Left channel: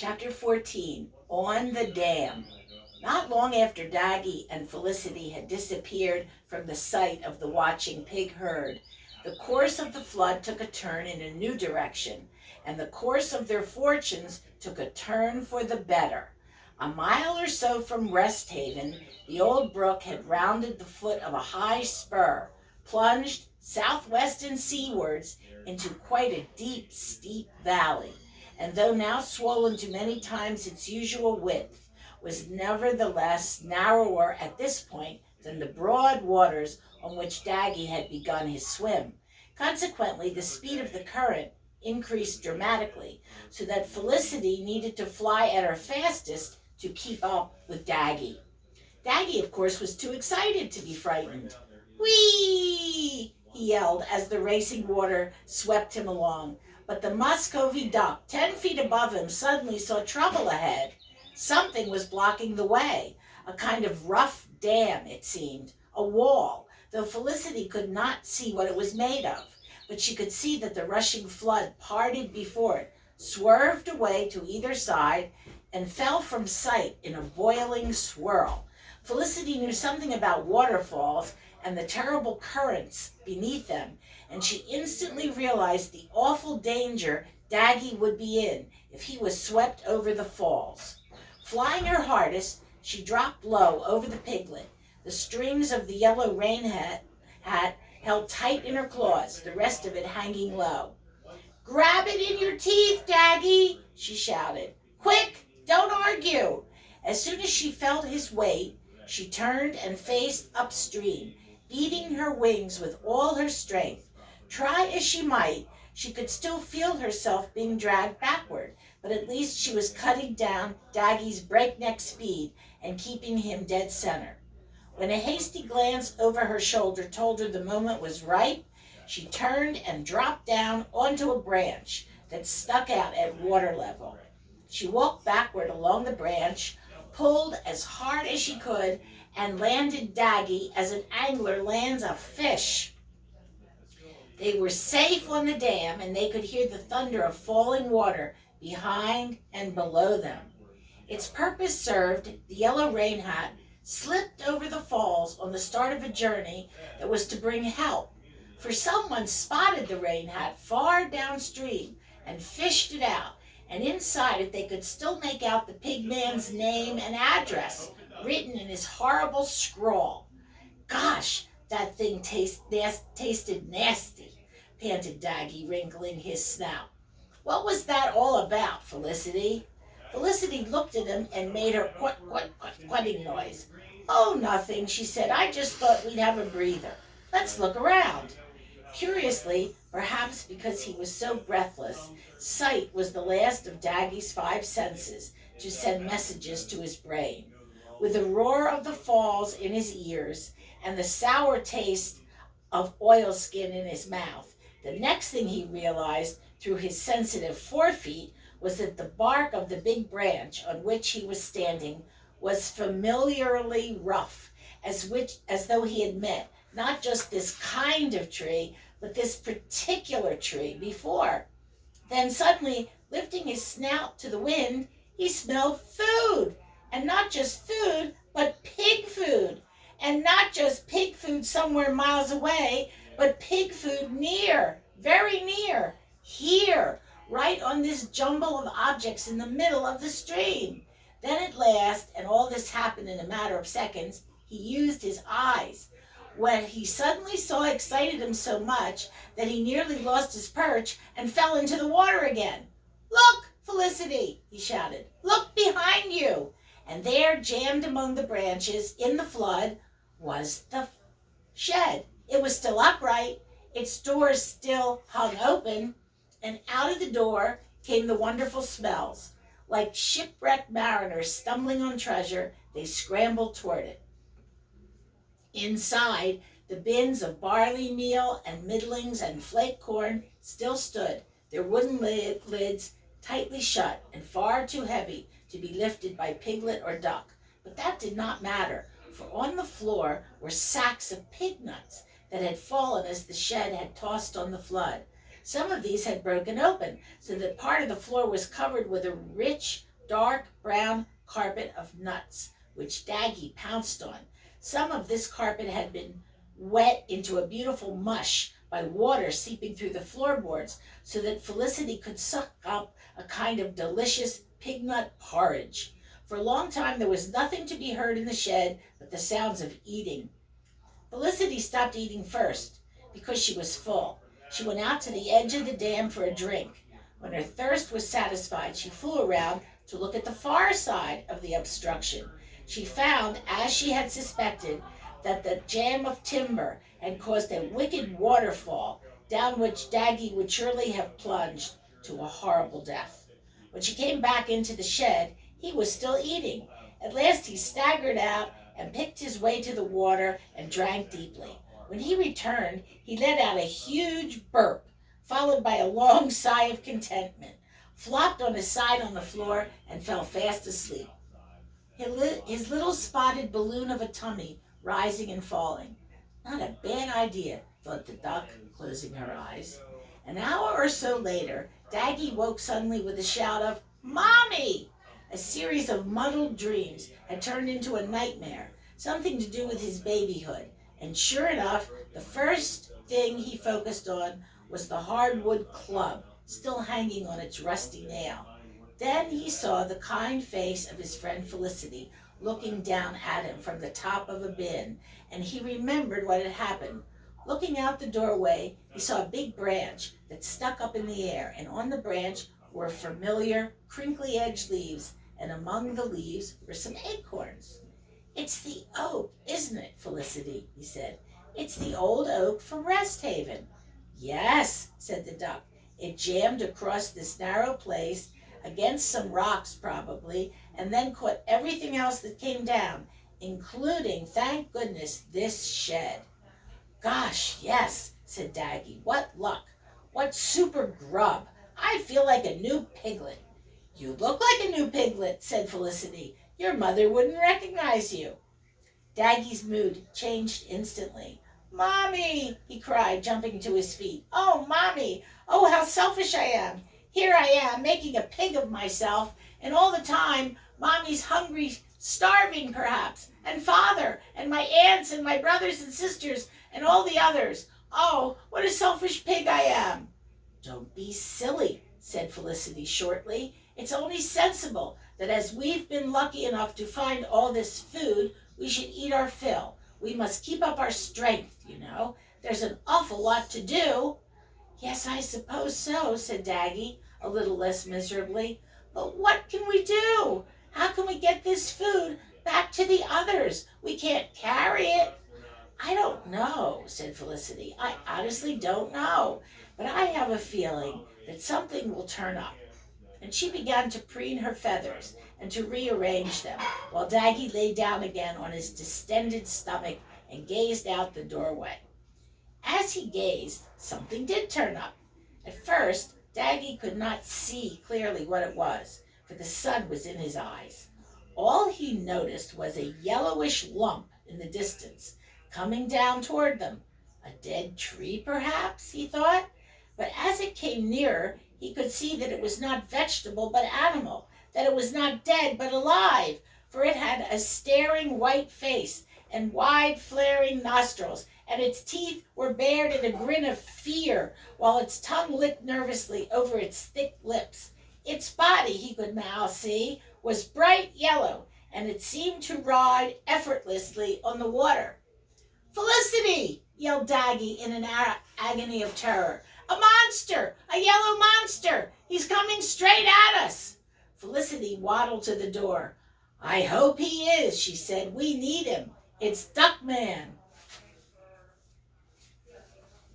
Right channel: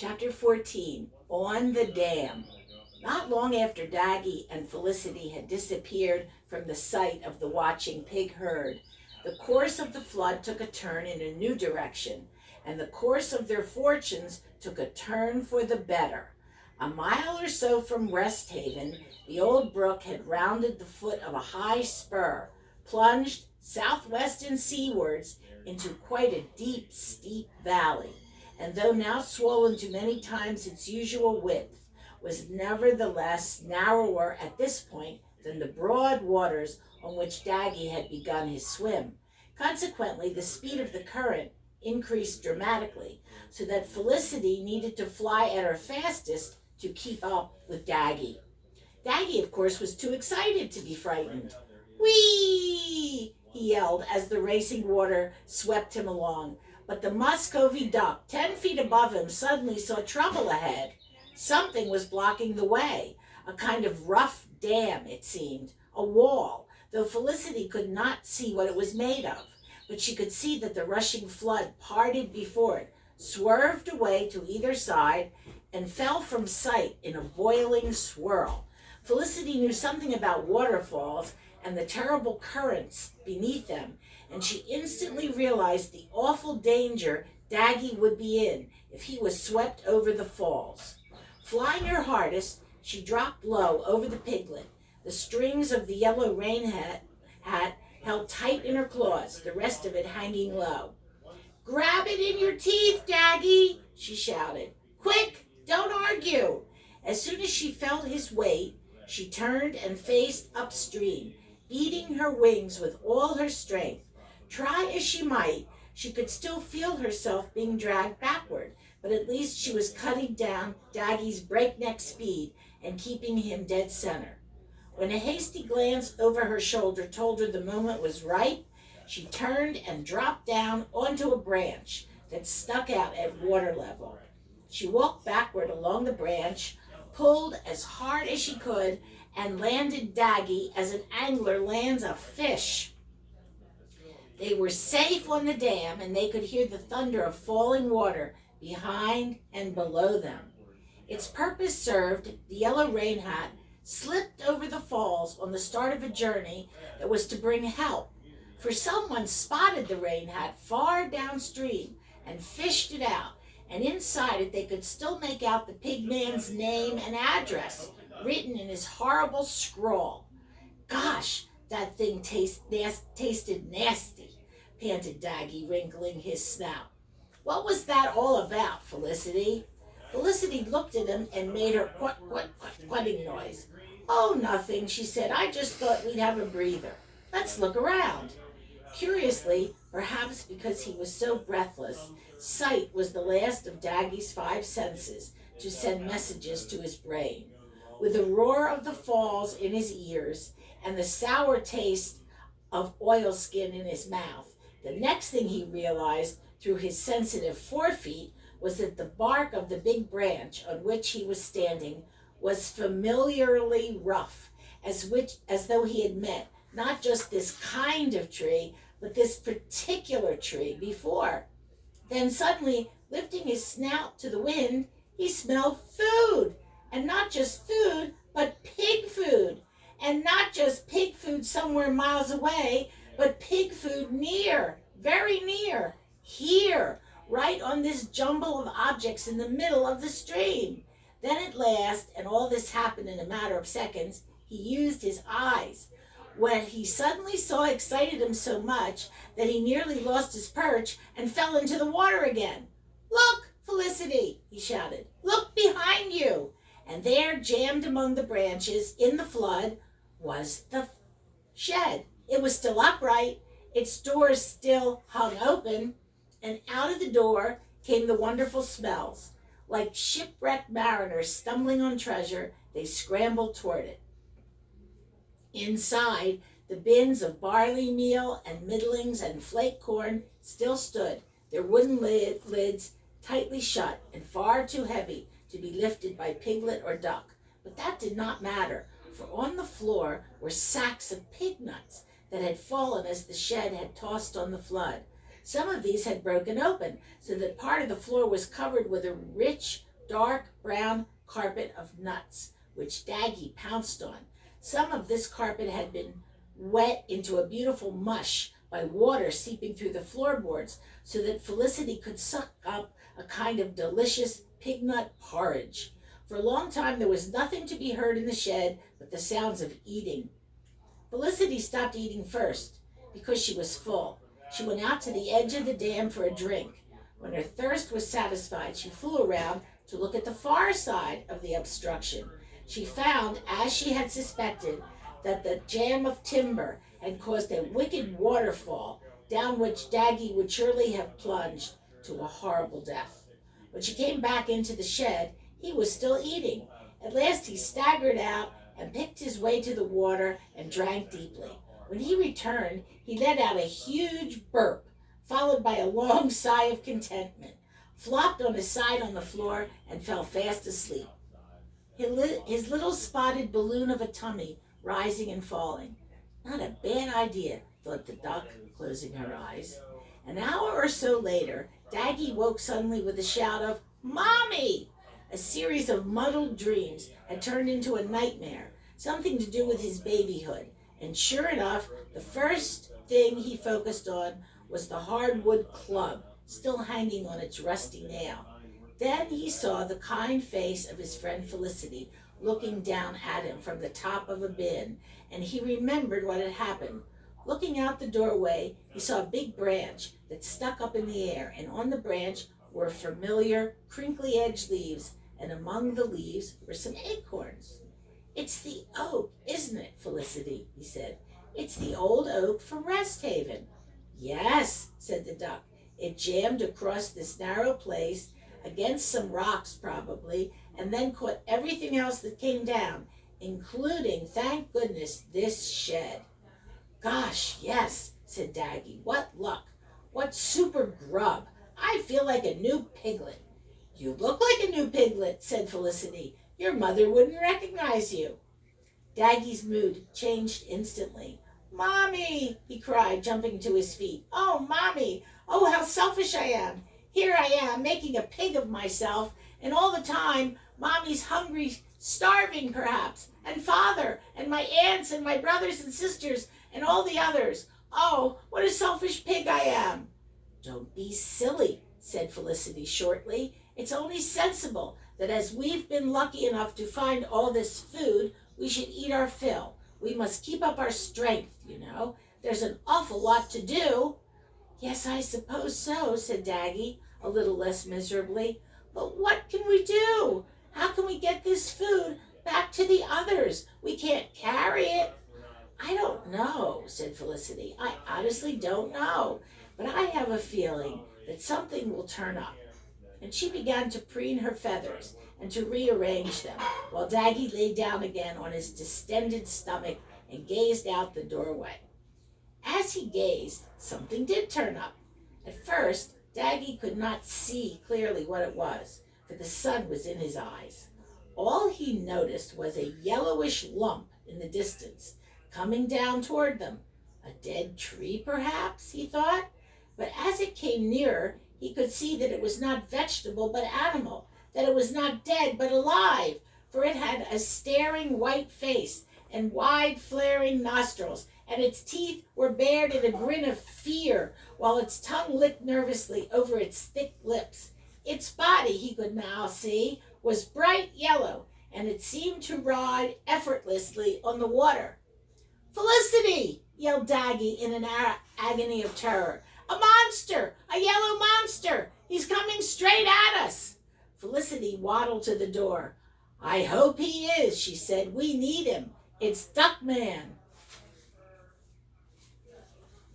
Chapter 14, On the Dam. Not long after Daggy and Felicity had disappeared from the sight of the watching pig herd, the course of the flood took a turn in a new direction, and the course of their fortunes took a turn for the better. A mile or so from Rest Haven, the old brook had rounded the foot of a high spur, plunged southwest and seawards into quite a deep, steep valley, and though now swollen to many times its usual width, was nevertheless narrower at this point than the broad waters on which Daggy had begun his swim. Consequently, the speed of the current increased dramatically, so that Felicity needed to fly at her fastest to keep up with Daggy. Daggy, of course, was too excited to be frightened. Whee! He yelled as the racing water swept him along. But the Muscovy duck, 10 feet above him, suddenly saw trouble ahead. Something was blocking the way, a kind of rough dam, it seemed, a wall, though Felicity could not see what it was made of. But she could see that the rushing flood parted before it, swerved away to either side, and fell from sight in a boiling swirl. Felicity knew something about waterfalls and the terrible currents beneath them, and she instantly realized the awful danger Daggy would be in if he was swept over the falls. Flying her hardest, she dropped low over the piglet, the strings of the yellow rain hat held tight in her claws, the rest of it hanging low. "Grab it in your teeth, Daggy," she shouted. "Quick, don't argue." As soon as she felt his weight, she turned and faced upstream, beating her wings with all her strength. Try as she might, she could still feel herself being dragged backward, but at least she was cutting down Daggy's breakneck speed and keeping him dead center. When a hasty glance over her shoulder told her the moment was ripe, she turned and dropped down onto a branch that stuck out at water level. She walked backward along the branch, pulled as hard as she could, and landed Daggy as an angler lands a fish. They were safe on the dam, and they could hear the thunder of falling water behind and below them. Its purpose served, the yellow rain hat slipped over the falls on the start of a journey that was to bring help, for someone spotted the rain hat far downstream and fished it out, and inside it they could still make out the pig man's name and address written in his horrible scrawl. "Gosh, that thing tasted nasty," panted Daggy, wrinkling his snout. "What was that all about, Felicity?" Felicity looked at him and made her quitting noise. "Oh, nothing," she said. "I just thought we'd have a breather. Let's look around." Curiously, perhaps because he was so breathless, sight was the last of Daggy's 5 senses to send messages to his brain. With the roar of the falls in his ears and the sour taste of oilskin in his mouth, the next thing he realized through his sensitive forefeet was that the bark of the big branch on which he was standing was familiarly rough, as though he had met not just this kind of tree, but this particular tree before. Then suddenly, lifting his snout to the wind, he smelled food, and not just food, but pig food, and not just pig food somewhere miles away, but pig food near, very near, here, right on this jumble of objects in the middle of the stream. Then at last, and all this happened in a matter of seconds, he used his eyes. What he suddenly saw excited him so much that he nearly lost his perch and fell into the water again. "Look, Felicity," he shouted. "Look behind you." And there, jammed among the branches in the flood, was the shed. It was still upright, its doors still hung open, and out of the door came the wonderful smells. Like shipwrecked mariners stumbling on treasure, they scrambled toward it. Inside, the bins of barley meal and middlings and flake corn still stood, their wooden lids tightly shut and far too heavy to be lifted by piglet or duck. But that did not matter, for on the floor were sacks of pig nuts that had fallen as the shed had tossed on the flood. Some of these had broken open, so that part of the floor was covered with a rich dark brown carpet of nuts, which Daggy pounced on. Some of this carpet had been wet into a beautiful mush by water seeping through the floorboards, so that Felicity could suck up a kind of delicious pig nut porridge. For a long time there was nothing to be heard in the shed but the sounds of eating. Felicity stopped eating first, because she was full. She went out to the edge of the dam for a drink. When her thirst was satisfied, she flew around to look at the far side of the obstruction. She found, as she had suspected, that the jam of timber had caused a wicked waterfall down which Daggy would surely have plunged to a horrible death. When she came back into the shed, he was still eating. At last he staggered out and picked his way to the water and drank deeply. When he returned, he let out a huge burp, followed by a long sigh of contentment, flopped on his side on the floor, and fell fast asleep. His little spotted balloon of a tummy rising and falling. Not a bad idea, thought the duck, closing her eyes. An hour or so later, Daggy woke suddenly with a shout of, "Mommy!" A series of muddled dreams had turned into a nightmare, something to do with his babyhood. And sure enough, the first thing he focused on was the hardwood club, still hanging on its rusty nail. Then he saw the kind face of his friend Felicity looking down at him from the top of a bin, and he remembered what had happened. Looking out the doorway, he saw a big branch that stuck up in the air, and on the branch were familiar, crinkly-edged leaves, and among the leaves were some acorns. "It's the oak, isn't it, Felicity?" he said. "It's the old oak from Rest Haven." "Yes," said the duck. "It jammed across this narrow place, against some rocks probably, and then caught everything else that came down, including, thank goodness, this shed." "Gosh, yes," said Daggy. "What luck. What super grub. I feel like a new piglet." "You look like a new piglet," said Felicity. "Your mother wouldn't recognize you." Daggy's mood changed instantly. "Mommy!" he cried, jumping to his feet. "Oh, Mommy! Oh, how selfish I am! Here I am, making a pig of myself, and all the time, Mommy's hungry, starving perhaps, and Father, and my aunts, and my brothers and sisters, and all the others. Oh, what a selfish pig I am!" "Don't be silly," said Felicity shortly. "It's only sensible that as we've been lucky enough to find all this food, we should eat our fill. We must keep up our strength, you know. There's an awful lot to do." "Yes, I suppose so," said Daggy, a little less miserably. "But what can we do? How can we get this food back to the others? We can't carry it." "I don't know," said Felicity. "I honestly don't know. But I have a feeling that something will turn up." And she began to preen her feathers and to rearrange them, while Daggy lay down again on his distended stomach and gazed out the doorway. As he gazed, something did turn up. At first, Daggy could not see clearly what it was, for the sun was in his eyes. All he noticed was a yellowish lump in the distance, coming down toward them. A dead tree, perhaps, he thought. But as it came nearer, he could see that it was not vegetable but animal, that it was not dead but alive, for it had a staring white face and wide flaring nostrils, and its teeth were bared in a grin of fear, while its tongue licked nervously over its thick lips. Its body, he could now see, was bright yellow, and it seemed to ride effortlessly on the water. "Felicity!" yelled Daggy in an agony of terror. "A monster! A yellow monster! He's coming straight at us!" Felicity waddled to the door. "I hope he is," she said. "We need him. It's Duckman."